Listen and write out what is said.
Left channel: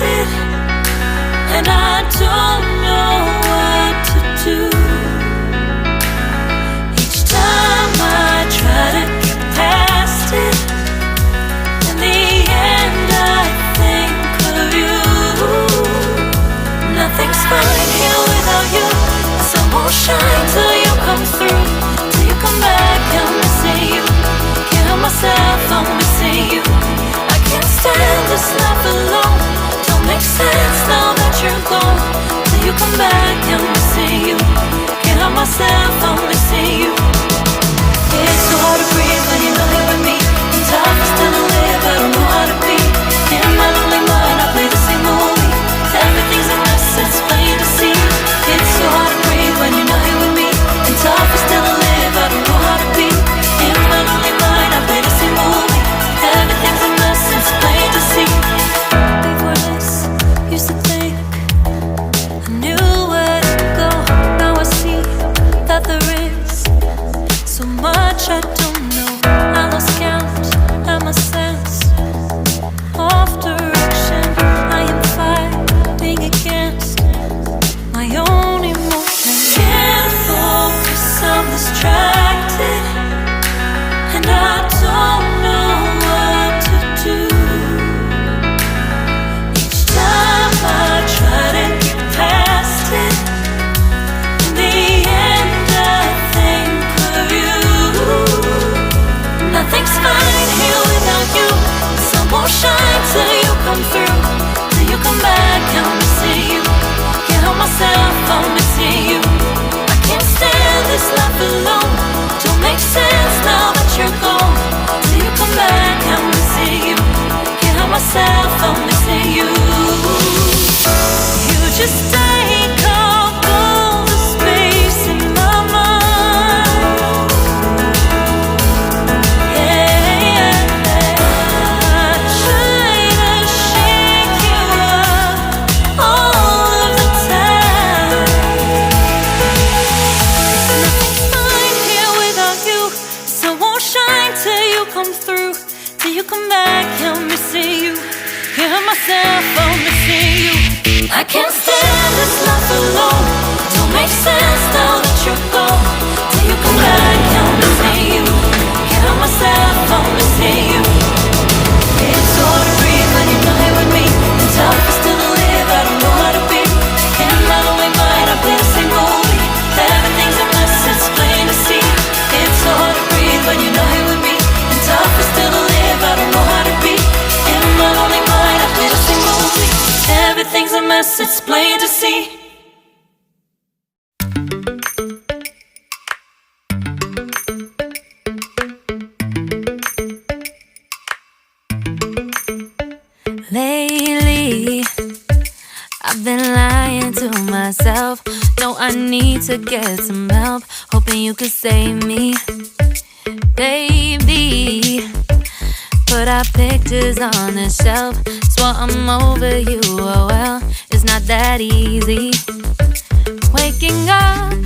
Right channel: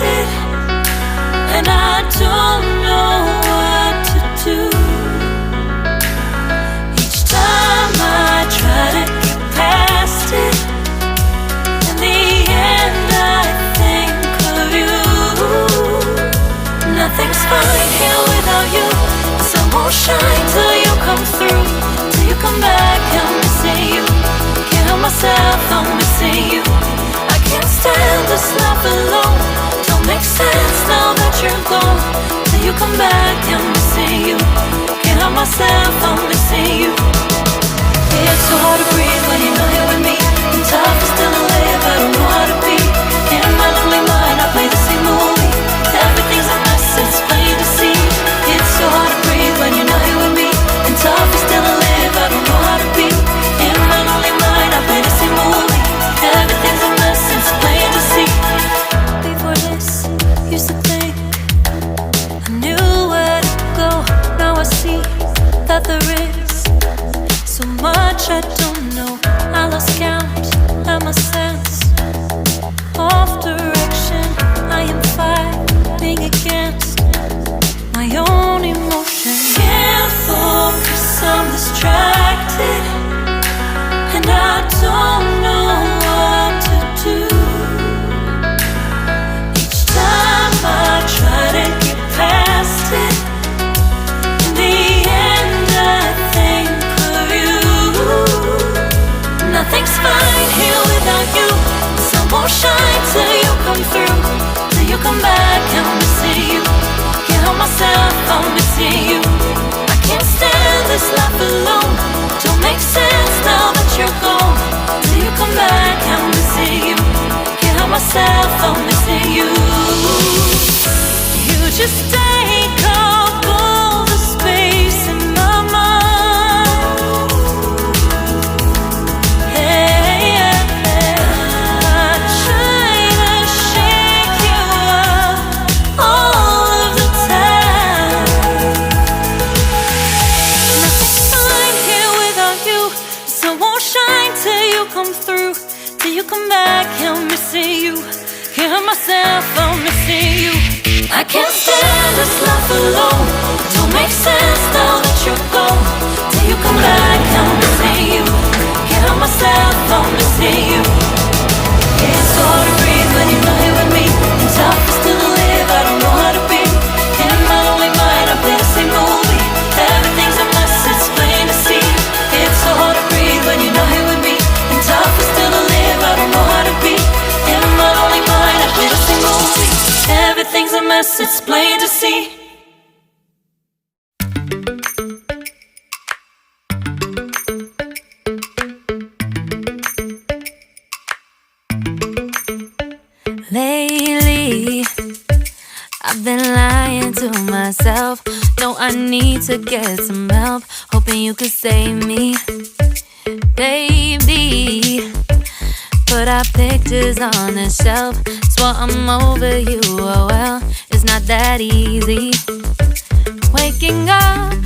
distracted, and I don't know what to do. Each time I try to get past it, in the end I think of you. Nothing's fine here without you. The sun won't shine till you come through. Till you come back, I'm missing you. Can't help myself, I'm missing you. I can't stand this life alone. Don't make sense now that you're gone. Till you come back, I'm missing you. Can't help myself, I'm missing you. It's so hard to breathe when you're not here with me. And tough is still to live, I don't know how to be. In my lonely mind, I play the same movie. Everything's a mess, it's plain to see. It's so hard to breathe when you're not here with me. And tough is still to live, I don't know how to be. In my lonely mind, I play the same movie. Everything's a mess, it's plain to see. Before this, used to think I knew where to go. Now I see that there is so much I don't know. I lost count at my sense of direction. I am fighting against my own emotion. Can't focus, I'm distracted, and I don't know what to do. Each time I try to get past it, in the end I think of you. Nothing's fine here without you. The sun won't shine till you come through. Till you come back, I'm missing you. Can't help myself, I'm missing you. I can't stand this life alone. Don't make sense now that you're gone. Till you come back, I'm missing you. Can't help myself, I'm missing you. You just take up all the space in my mind. Hey, I try to shake you up all of the time. Nothing's fine here without you. The sun won't shine till you come through. Till you come back, I'm missing you. Can't help myself, I'm missing you. I can't stand this life alone. It don't make sense now that you're gone. Till you come back, I'm missing you. Can't help myself, I'm missing you. It's so hard to breathe when you're not here with me. And tough is still to live, I don't know how to be. In my lonely mind, I play the same movie. Everything's a mess, it's plain to see. It's so hard to breathe when you're not here with me. And tough is still to live, I don't know how to be. In my lonely mind, I play the same movie. Everything's a mess, it's plain to see. Lately, I've been lying to myself. No, I need to get some help. Hoping you could save me, baby. Put our pictures on the shelf. Swore I'm over you, oh well, it's not that easy. Waking up